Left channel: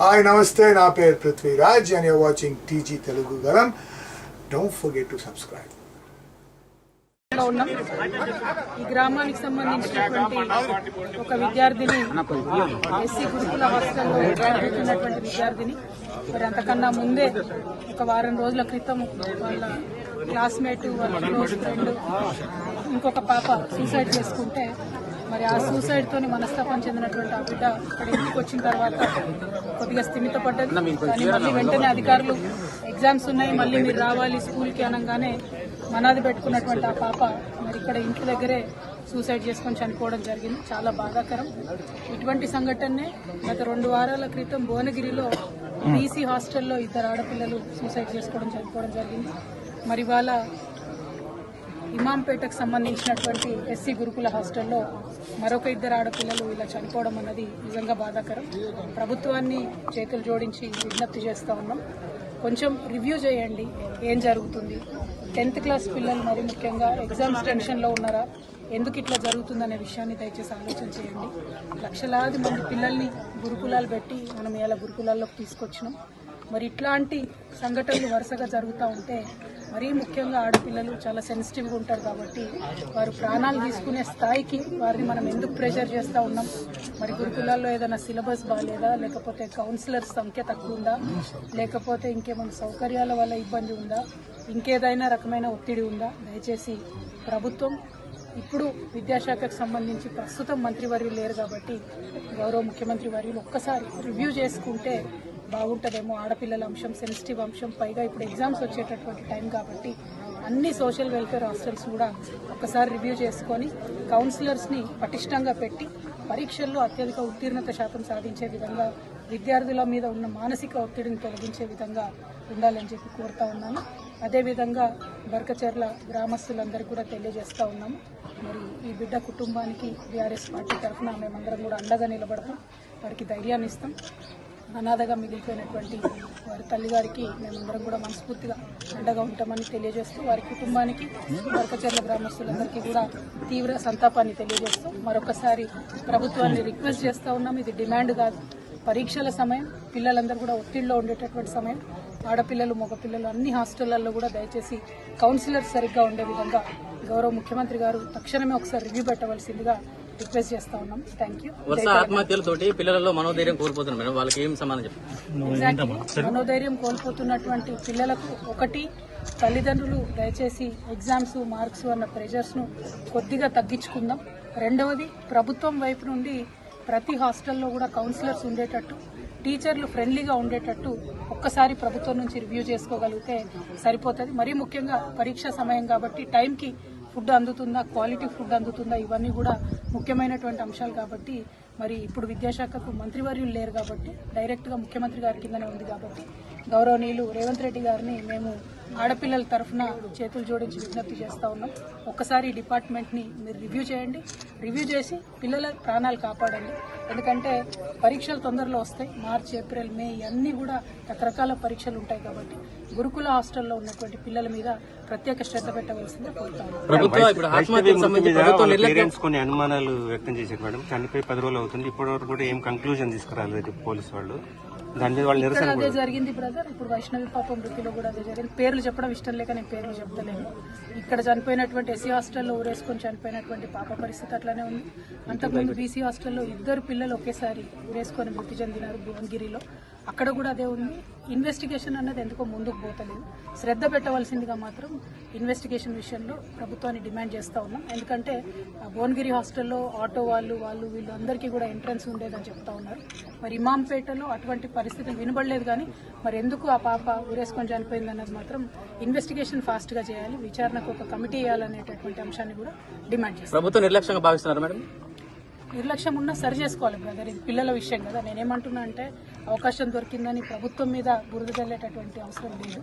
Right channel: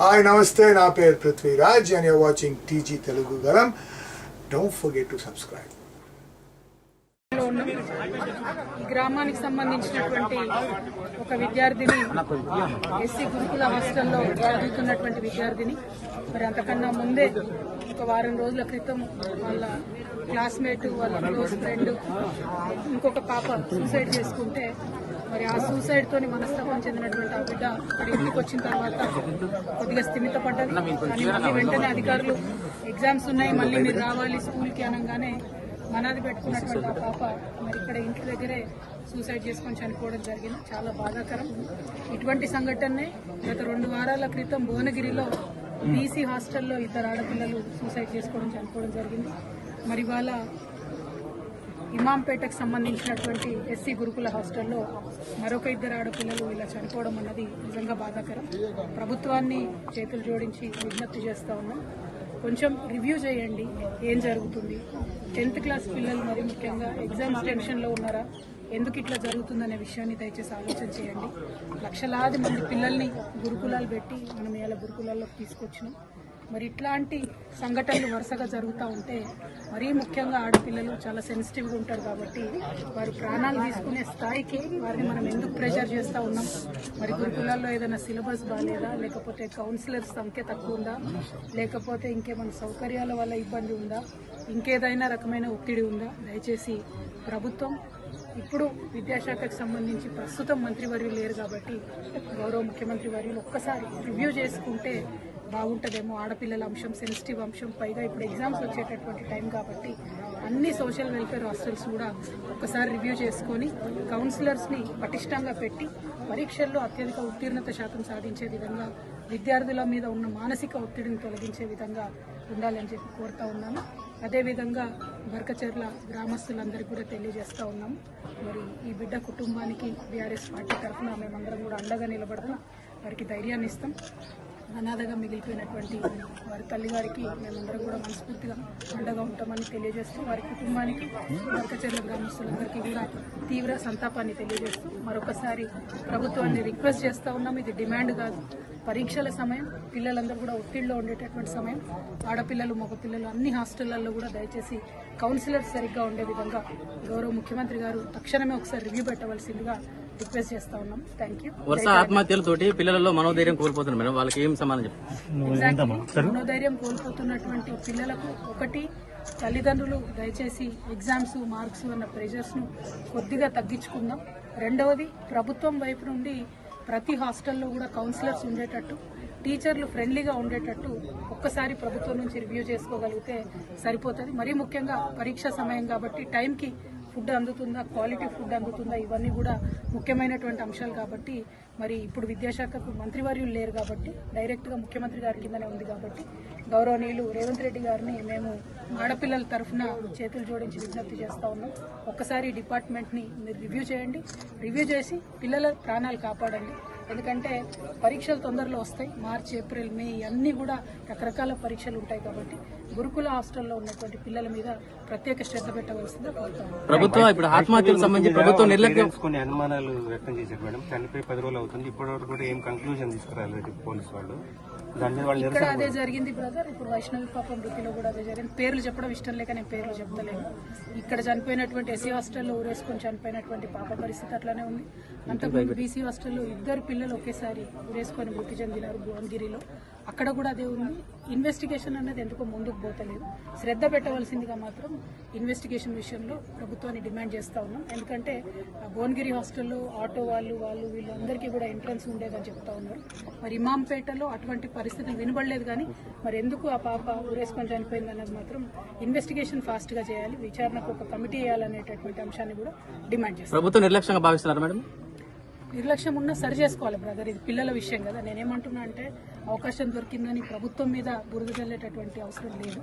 Hi నమస్తే, నా పేరు Prithviraj and you're watching TG Telugu Galam. Don't forget to subscribe. ఈ గ్రామానికి సంబంధించినటువంటి ఒక విద్యార్థిని ఎస్సీ గురుకుల హాస్టల్లో చదువుతున్నటువంటి విద్యార్థిని మరి అంతకన్నా ముందే ఒక వారం రోజుల క్రితం వాళ్ళ క్లాస్మేట్ వాళ్ళ క్లోజ్ ఫ్రెండ్ ఇంకొక పాప సూసైడ్ చేసుకుంటే మరి ఆ సూసైడ్తో మనస్తాపం చెందినటువంటి ఆ బిడ్డ ఇక్కడ ఇంటికి వచ్చిన తర్వాత కొద్దిగా స్థిమితపడ్డది. కానీ మళ్ళీ వెంటనే అధికారులు ఎగ్జామ్స్ ఉన్నాయి, మళ్ళీ మీరు రావాలి స్కూల్కి అనగానే మనాది పెట్టుకున్నటువంటి ఆ పాప మరి ఇక్కడ ఇంటి దగ్గరే సూసైడ్ చేసుకొని చనిపోవడం జరిగింది. చాలా బాధాకరం. ఇటువంటి సంఘటనే గత 2 వారాల క్రితం భువనగిరిలో బీసీ హాస్టల్లో 2 ఆడపిల్లలు సూసైడ్ చేసుకోవడం చనిపోవడం జరిగింది. మరి వాళ్ళ ఇమాంపేటకు సంబంధించినటువంటి ఎస్సీ గురుకుల హాస్టల్లో మరొక 2 ఆడపిల్లలు ఇలా చనిపోవడం అన్నది నిజంగా బాధాకరం. ప్రభుత్వాన్ని చేతులు జోడించి విజ్ఞప్తి చేస్తూ ఉన్నాం, కొంచెం రివ్యూ చేయండి ఏం జరుగుతుంది. 10th క్లాస్ పిల్లలు మరి ముఖ్యంగా ఎగ్జామ్స్ టెన్షన్లో ఉన్నారా, ఎందుకు ఇట్లా జరుగుతుందనే విషయాన్ని దయచేసి ఆలోచన చేయండి. లక్షలాది మంది పిల్లల్ని గురుకులాలు పెట్టి మనం ఇలా గురుకులాల్లోకి తీసుకొచ్చినాం. మరి ఇట్లాంటి సంఘటనలు వరుసగా జరుగుతూ ఉంటే మరీ ముఖ్యంగా ఆడపిల్లలు చాలా సెన్సిటివ్గా ఉంటారు కాబట్టి వారు ప్రాణాలు తీసుకునే స్థాయికి వారిని మనం ఎందుకు ప్రెషర్ చేస్తూ ఉన్నాం. మరి గురుకులాల్లో ఏదైనా సిలబస్ బాగాలేదా, లేకపోతే కౌన్సిలర్స్ సంఖ్య తక్కువ ఉందా, లేకపోతే ఇంకేమైనా సౌకర్యాల వల్ల ఇబ్బంది ఉందా, ఇంకేదైనా రకమైన ఒత్తిడి ఉందా. దయచేసి ప్రభుత్వం ఇప్పుడు విద్యాశాఖకు సంబంధించి ప్రస్తుతం మంత్రివర్యులు లేరు కాబట్టి గౌరవ ముఖ్యమంత్రి వర్యులు ఒక్కసారి రివ్యూ చేసుకుంటే బాగుంటుందేమో. ఆడపిల్లల అంశం సెన్సిటివ్ అంశం, పైగా ఇప్పుడు ఎగ్జామ్స్ వచ్చేటటువంటి టైం కాబట్టి అన్ని సోషల్ వెల్ఫేర్ హాస్టల్స్ కూడా ఒక్కసారి రివ్యూ చేసుకొని కౌన్సిలర్స్ని పటిష్టంగా పెట్టి పరీక్షల్లో అత్యధిక ఉత్తీర్ణత శాతం సాధించే విధంగా విద్యార్థుల మీద ఉన్న మానసిక ఒత్తిడిని తొలగించే విధంగా ఉండాలని చెప్పి కోరుతా ఉన్నాను. అదేవిధంగా బర్కచర్ల గ్రామస్తులందరికీ కూడా తెలియజేస్తూ ఉన్నాము, మరి ఈ బిడ్డ కుటుంబానికి బీఆర్ఎస్ పార్టీ తరఫున మేమందరం కూడా అండగా నిలబడతాం, వారికి ధైర్యాన్ని ఇస్తాం. అనాథగా మిగిలిపోయినటువంటి వారి తల్లిగారికి మేమందరం కూడా మనస్ఫూర్తిగా అండగా ఉంటామని తెలియజేస్తూ వారి కుటుంబానికి బర్కచర్ల గ్రామస్తులందరికీ కూడా తీవ్ర సంతాపాన్ని తెలియజేస్తూ మరొకసారి ప్రభుత్వాన్ని రిక్వెస్ట్ చేస్తూ ఉన్నాం. ఇది డిమాండ్ కాదు, పరీక్షల సమయం, పిల్లలందరూ కూడా ఒత్తిడిలో ఉండేటటువంటి సమయం. ఆడపిల్లలు మగపిల్లలు అన్ని హాస్టళ్లలో కూడా దయచేసి కౌన్సిలర్స్ సరిగ్గా ఉండే విధంగా గౌరవ ముఖ్యమంత్రి గారు తక్షణమే ఒకసారి రివ్యూ పెట్టవలసిందిగా రిక్వెస్ట్ చేస్తా ఉన్నాం. Thank you. మనోధైర్యం కోల్పోతున్నటువంటి పిల్లలకు ఒకటి, తల్లిదండ్రులు దయచేసి ఎగ్జామ్స్ మార్క్స్ అన్న ప్రెషర్స్ను కొద్దిగా తగ్గించుకుందాం. రెండవది, ప్రభుత్వం వైపు నుండి ప్రతి హాస్టల్లో కూడా కౌన్సిలర్స్ ఉండేటట్టు, టీచర్లు ఫ్రెండ్లీగా ఉండేటట్టు ఒక్కసారి ప్రభుత్వం నుంచి రివ్యూ చేసుకోగలిగితే సరిపోతుంది. మరీ ముఖ్యంగా పరీక్ష సమయం కాబట్టి టైంకి ఫుడ్ అందుతుందా, క్వాలిటీ ఫుడ్ అందుతుందా, ఇవన్నీ కూడా ముఖ్యమైనటువంటి అంశాలు కాబట్టి మరి ఇప్పుడు విద్యాశాఖకు మంత్రివర్యులు లేరు కాబట్టి డైరెక్ట్గా ముఖ్యమంత్రి గారి కిందనే ఉంది కాబట్టి గౌరవనీయులు రేవంత్ రెడ్డి గారిని మేము ఆడపిల్లల తరఫున చేతులు జోడించి విజ్ఞప్తి చేస్తూ ఉన్నాం. ఒక్కసారి డిపార్ట్మెంట్ని మీరు రివ్యూ చేయండి, రివ్యూ చేసి పిల్లల ప్రాణాలు కాపాడండి. ఎందుకంటే పరీక్షలు తొందరలో వస్తాయి, మార్చి ఏప్రిల్ మే ఇవన్నీ కూడా రకరకాల పరీక్షలు ఉంటాయి కాబట్టి గురుకుల హాస్టల్లో ఉన్నటువంటి పిల్లల మీద ప్రత్యేక శ్రద్ధ పెట్టవలసిందిగా కోరుతాము. కొన్ని అనుమానాలు వ్యక్తం చేశారు మేడం, చనిపోయి 10 రోజులు అవుతుంది, ఇప్పటివరకు కూడా ఏం కంక్లూజన్ తీసుకురాలేదు పోలీసు వాళ్ళు. ఇక్కడ అదే జరిగింది బ్రదర్. ఇప్పుడు వైష్ణవి పాప మృతిలో కూడా అదే జరిగింది. పేర్లు చెప్పడం ఇష్టం లేక నేను పేర్లు చెప్తలేను. ఇక్కడ చనిపోయినటువంటి ఎస్సీ హాస్టల్లో ఊరేసుకొని చనిపోయినటువంటి పాప పరిస్థితి అట్లానే ఉంది. అంతకుముందు బీసీ హాస్టల్లో 2 పిల్లలు ఒకేసారి ఊరేసుకొని మృతి చెందినారు భువనగిరిలో, అక్కడ కూడా అదే ఉంది. ఇన్వెస్టిగేషన్ అన్నది ఎందుకో ముందుకు పోతలేదు. శ్రద్ధ పెట్టవలసిందిగా మాత్రం ఇన్వెస్టిగేషన్ విషయంలో ప్రభుత్వాన్ని డిమాండ్ చేస్తూ ఉన్నాం. ఎందుకంటే భువనగిరి హాస్టల్లో ఆటో వాళ్ళు వీళ్ళందరికీ కూడా ఎంట్రన్స్ ఉండేదని చెప్తా ఉన్నారు. మరి ఇమాంపేటలో అటువంటి పరిస్థితులు వినబడలేదు. కానీ మరి ఎందుకు ఆ పాప ఊరేసుకొని చనిపోయింది అన్నది మాత్రం ఇన్వెస్టిగేషన్ ఫాస్ట్గా చేయాలి, విచారణకు ఒక కమిటీ వేయాలనేటటువంటి అంశాన్ని కూడా డిమాండ్ చేస్తాం. ప్రభుత్వం నిర్లక్ష్యంగా భావిస్తున్నారు మేడం? నిర్లక్ష్యం ఉన్నా సరి చేసుకోవాలి బ్రదర్, ఇది పిల్లల విషయం కదా. నేనేమంటున్నా అంటే అవకాశం దొరికిందని ప్రభుత్వం మీద బురద జల్లేటటువంటి అవసరం లేదు.